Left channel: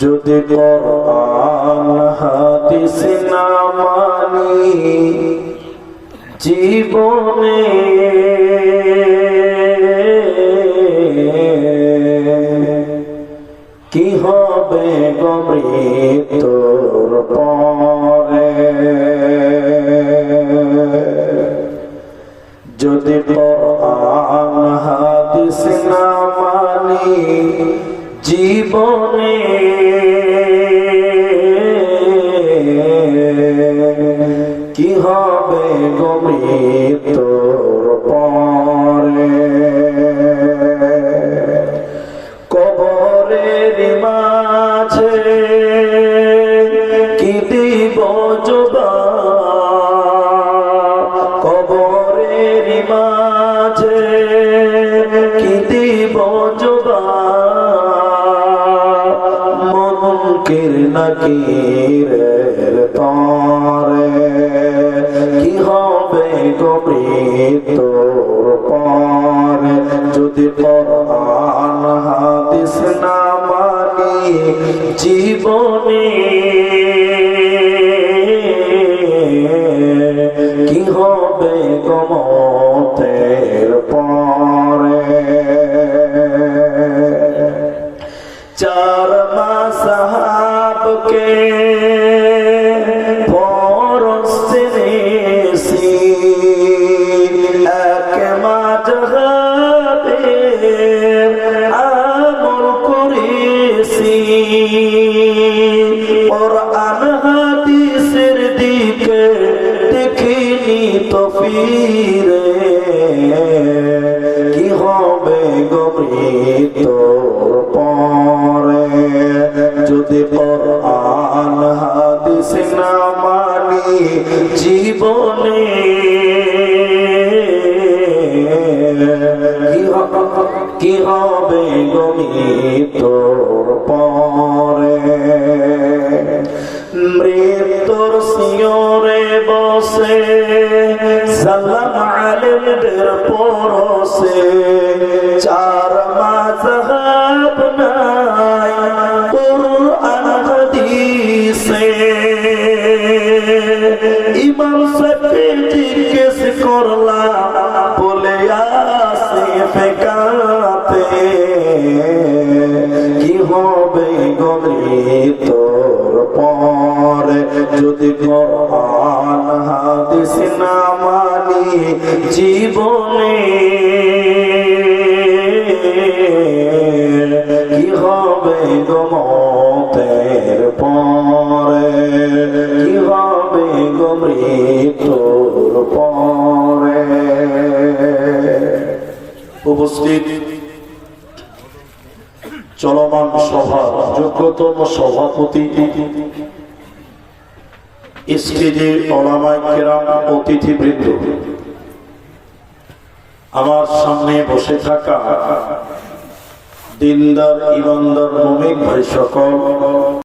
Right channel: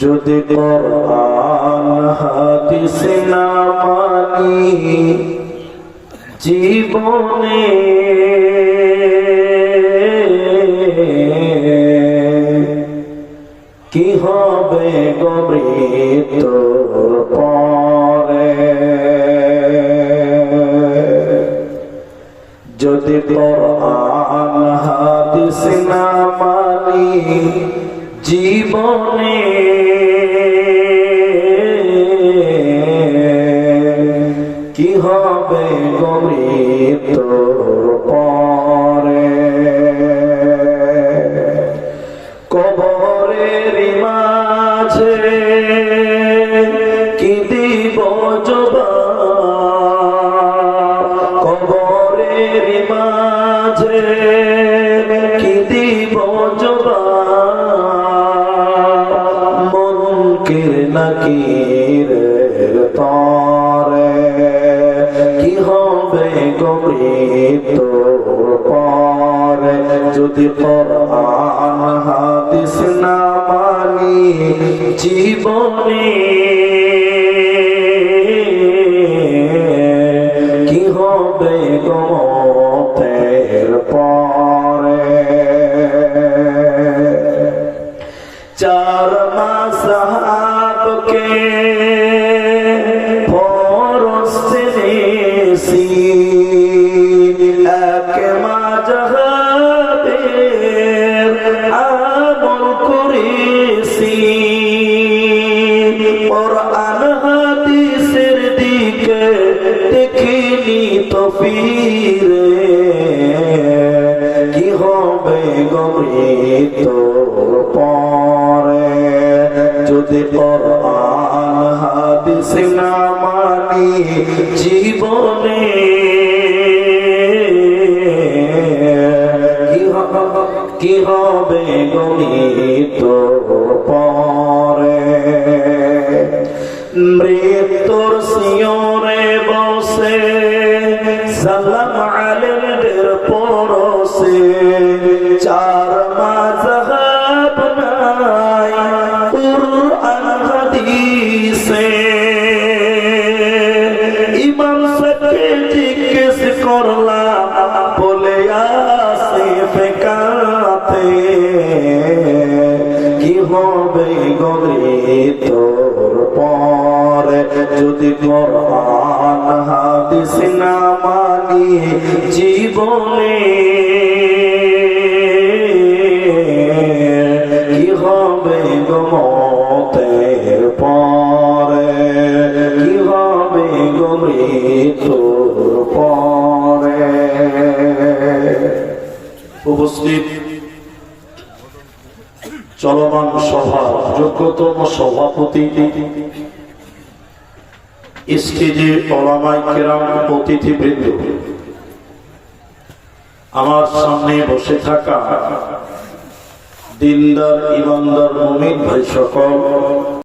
যদি কোরআন হাদিস না মানি জীবনে কি হবে গো মৃত্যুর পরে। যদি কোরআন হাদিস না মানি জীবনে কি হবে গো মৃত্যুর পরে। কবরের মাঝে কি দিব জবাব, কবরের মাঝে কি দিব জবাব, মুনকির নাকিরের তরে কি হবে গো মৃত্যুর পরে। যদি কোরআন হাদিস না মানি জীবনে কি হবে গো মওতের পরে। চার মাযহাবকে ফরজ জেনেছি, এক মাযহাবের আমল করেছি। কোরআন হাদিসের দিকে দেখিনি তো ফিরে কি হবে গো মৃত্যুর পরে। যদি কোরআন হাদিস না মানি জীবনে কি হবে গো মৃত্যুর পরে। মৃত্যুর শিয়রে বসে সালাম আলেমদের পরশে, চার মাযহাব নাই কুরআন হাদিসে। ইমাম সাহেবকে জিজ্ঞেস করলাম বলে আসে ফেকাতে কি হবে গো মৃত্যুর পরে। যদি কোরআন হাদিস না মানি জীবনে কি হবে গো মওতের পরে, কি হবে গো মৃত্যুর পরে। উপস্থিত চলমান সভা যোগ্যতম সভাপতি, স্টেজে ওলামায়ে কেরাম, অতিথিবৃন্দ, আমার সামনে বসে থাকা দিনদার ইমানদার মুমিন ভাই সকল,